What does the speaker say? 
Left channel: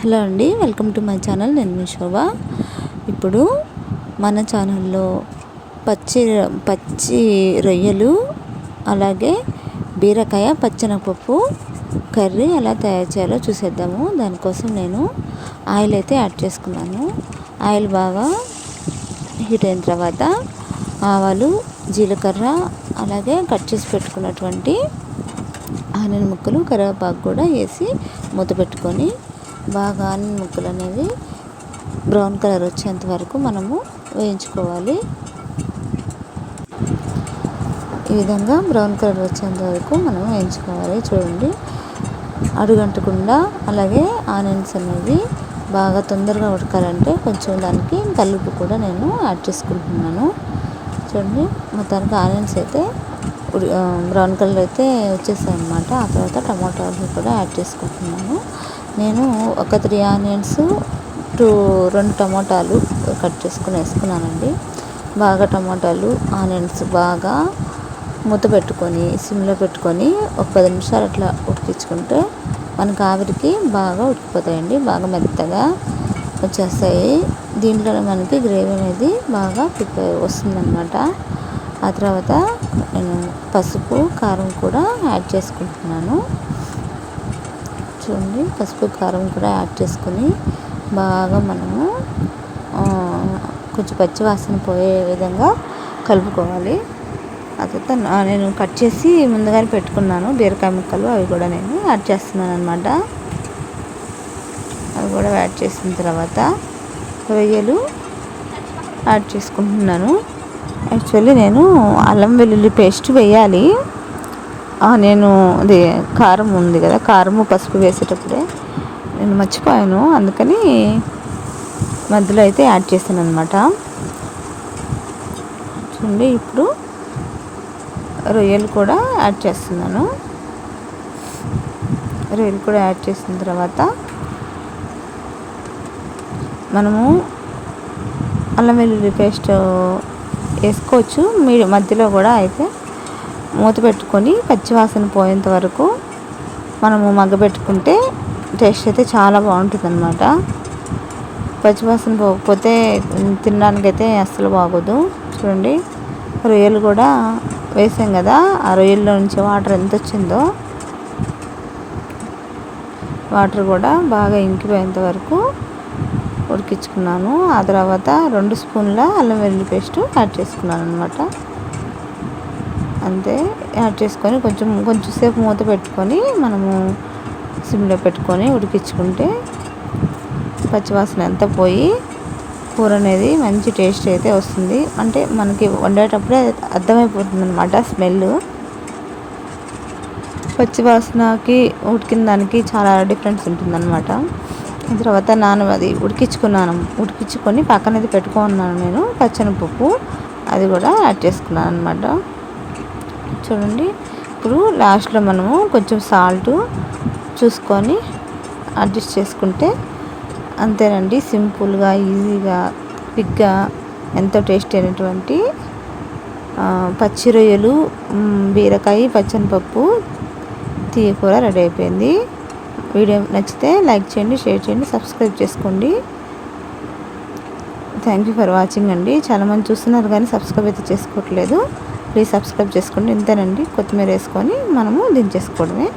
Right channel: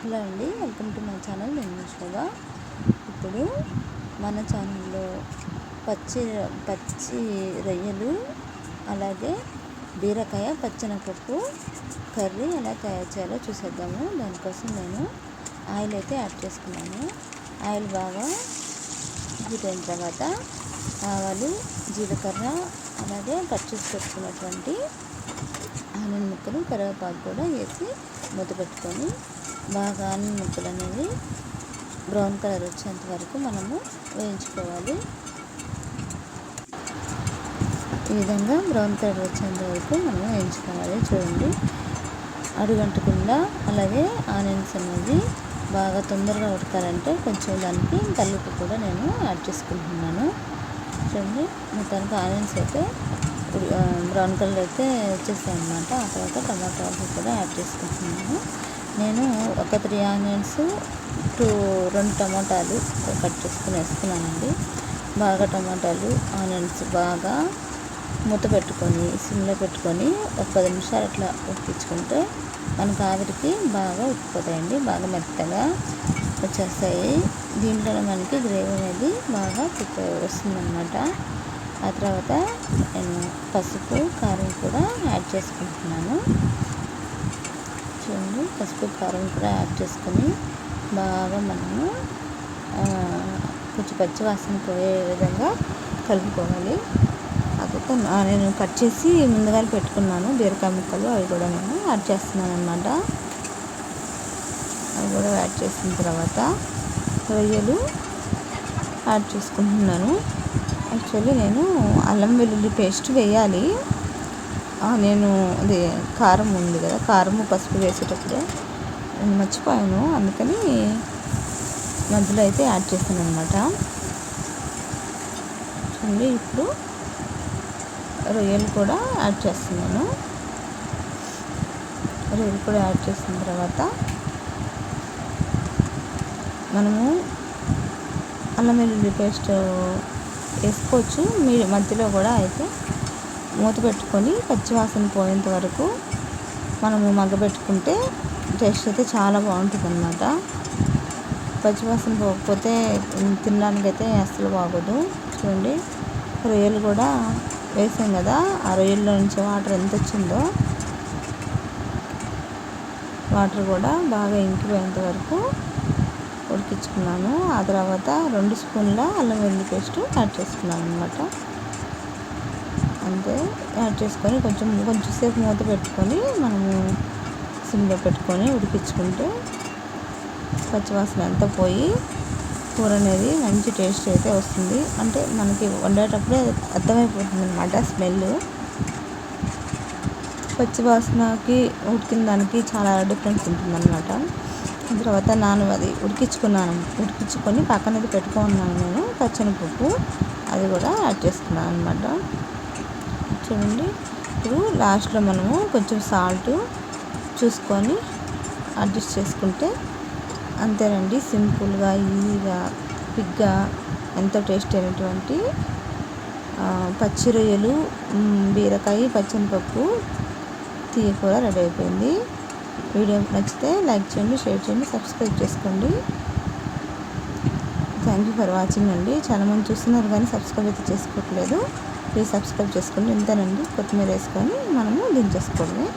Hello అండి welcome to my channel. నేను మీ శోభ. ఇప్పుడు మన ఛానల్లో పచ్చి పచ్చి రొయ్యలు అలాగే బీరకాయ పచ్చనపప్పు కర్రీ ఎలా తయారు చేయాలో చూసేద్దాము. దానికోసం నేను ఆయిల్ అయితే యాడ్ చేసుకున్నాను. ఆయిల్ బాగా హీట్ అయిన తర్వాత ఆవాలు జీలకర్ర అలాగే కట్ చేసి పెట్టుకున్నటువంటి ఆనియన్ ముక్కలు కరివేపాకు కూడా వేసి మూత పెట్టుకొని బాగా ఆనియన్ ముక్కలు అనేవి బ్రౌన్ కలర్ వచ్చేంత వరకు మనము వేయించుకోవాలి. ఈ విధంగా బ్రౌన్ కలర్ వచ్చేంత వరకు మనం వేయించుకోవాలి. చూడండి అడుగంటకుండా అలాగే ఆనియన్స్ అనేవి బాగా తొందరగా ఉడకాలంటే కొంచెం దానికి కలుపు కూడా నేను యాడ్ చేసుకుంటున్నాను. చూడండి మొత్తానికి ఆనియన్స్ అయితే బ్రౌన్ కలర్ అయితే వచ్చేసాయి అనమాట ఆ తర్వాత టమాటాలు కూడా యాడ్ చేసుకుంటున్నాను. నేను ఒక త్రీ ఆనియన్స్ టూ రెండు టమాటాలు కట్ చేసుకుని వేసుకున్నానండి. బాగా టమాటాలు ఆనియన్స్ బాగా మూత పెట్టుకొని సిమ్లో పెట్టుకొని ఒక పది నిమిషాలు అట్లా ఉడికించుకుంటే మనకు ఆవిరికి బాగా ఉడికిపోతాయండి. బాగా మెత్తగా వచ్చేస్తాయి. దీంట్లోనే మనకి గ్రేవీ అనేది బాగా ప్రిపేర్ వస్తుందన్నమాట. ఆ తర్వాత నేను పసుపు కారం కూడా యాడ్ చేసుకుంటున్నాను. చూడండి పసుపు కారం కూడా యాడ్ చేసుకొని బాగా మనము కొంచెం పచ్చి వాసన పోయే విధంగా కలుపుకోవాలి. అదైతే నేను కట్ చేసి ముందుగానే పెట్టుకున్నాను. బీరకాయ ముక్కలు అవి కూడా నేను యాడ్ చేస్తున్నాను అనమాట అవి కూడా యాడ్ చేసిన తర్వాత రొయ్యలు యాడ్ చేసుకుంటున్నాను. యాక్చువల్లీ నేను అల్లం వెల్లుల్లి పేస్ట్ వేయాలి. నేను అది కారం ఉంది కదా కారము పసుపు వేసేటప్పుడే నేను మర్చిపోయాను అందుకని మధ్యలో అయితే యాడ్ చేశాను అనమాట చూడండి ఇప్పుడు రొయ్యలు కూడా యాడ్ చేస్తున్నాను. రొయ్యలు కూడా యాడ్ చేసిన తర్వాత మనము అల్లం వెల్లుల్లి పేస్ట్ వేసుకోవచ్చు. మీ మధ్యలో కూడా అయితే మూత పెట్టుకొని పచ్చివాసన పోయేంత వరకు మనము మగ్గబెట్టుకుంటే టేస్ట్ అయితే చాలా బాగుంటుంది అనమాట పచ్చివాసన పోకపోతే తినడానికైతే అస్సలు బాగోదు. చూడండి రొయ్యలు కూడా వేసాం కదా ఆ రొయ్యల్లో నుంచి వాటర్ ఎంత వచ్చిందో వాటర్ కూడా బాగా ఇంకిపోయేంత వరకు ఉడికించుకున్నాను. ఆ తర్వాత రెండు స్పూన్ల అల్లం వెల్లుల్లి పేస్ట్ యాడ్ చేసుకున్నాను అనమాట అంతే యాడ్ చేసుకొని కొంచెం కొంచెం సేపు మూత పెట్టుకొని మనము సిమ్లో పెట్టుకొని ఉడికించుకుంటే పచ్చివాసన ఎంత పోయి కూర అనేది మంచి టేస్ట్ అయితే వస్తుంది. అంటే మనకి వండేటప్పుడే అర్థమైపోతుంది అనమాట స్మెల్. పచ్చివాసనకి ఉడికిన దానికి చాలా డిఫరెన్స్ ఉంటుందన్నమాట. తర్వాత నాను అది ఉడికించుకున్నాను ఉడికించుకొని పక్కనది పెట్టుకున్నాను నేను పచ్చనిపప్పు అది కూడా యాడ్ చేసుకున్నాను అనమాట చూడండి. ఇప్పుడు లాస్ట్లో మనము కొంచెం సాల్ట్ చూసుకొని అడ్జస్ట్ చేసుకుంటే అంతేనండి. సింపుల్గా ఈజీగా క్విక్గా ఎంతో టేస్ట్ అయినటువంటి పచ్చి రొయ్యలు బీరకాయ పచ్చనిపప్పు తీయ కూర రెడీ అయిపోయింది. వీడియో నచ్చితే లైక్ చేయండి షేర్ చేయండి సబ్స్క్రైబ్ చేసుకోండి. థ్యాంక్ యూ ఫర్ వాచింగ్ అండి. చాలామంది చూస్తున్నారు కానీ సబ్స్క్రైబ్ అయితే చేసుకోవట్లేదు. ప్లీజ్ సబ్స్క్రైబ్ చేసుకోండి ఇంతేనండి. కొత్తిమీర వేసుకొని మనము దించేసుకోవడమే.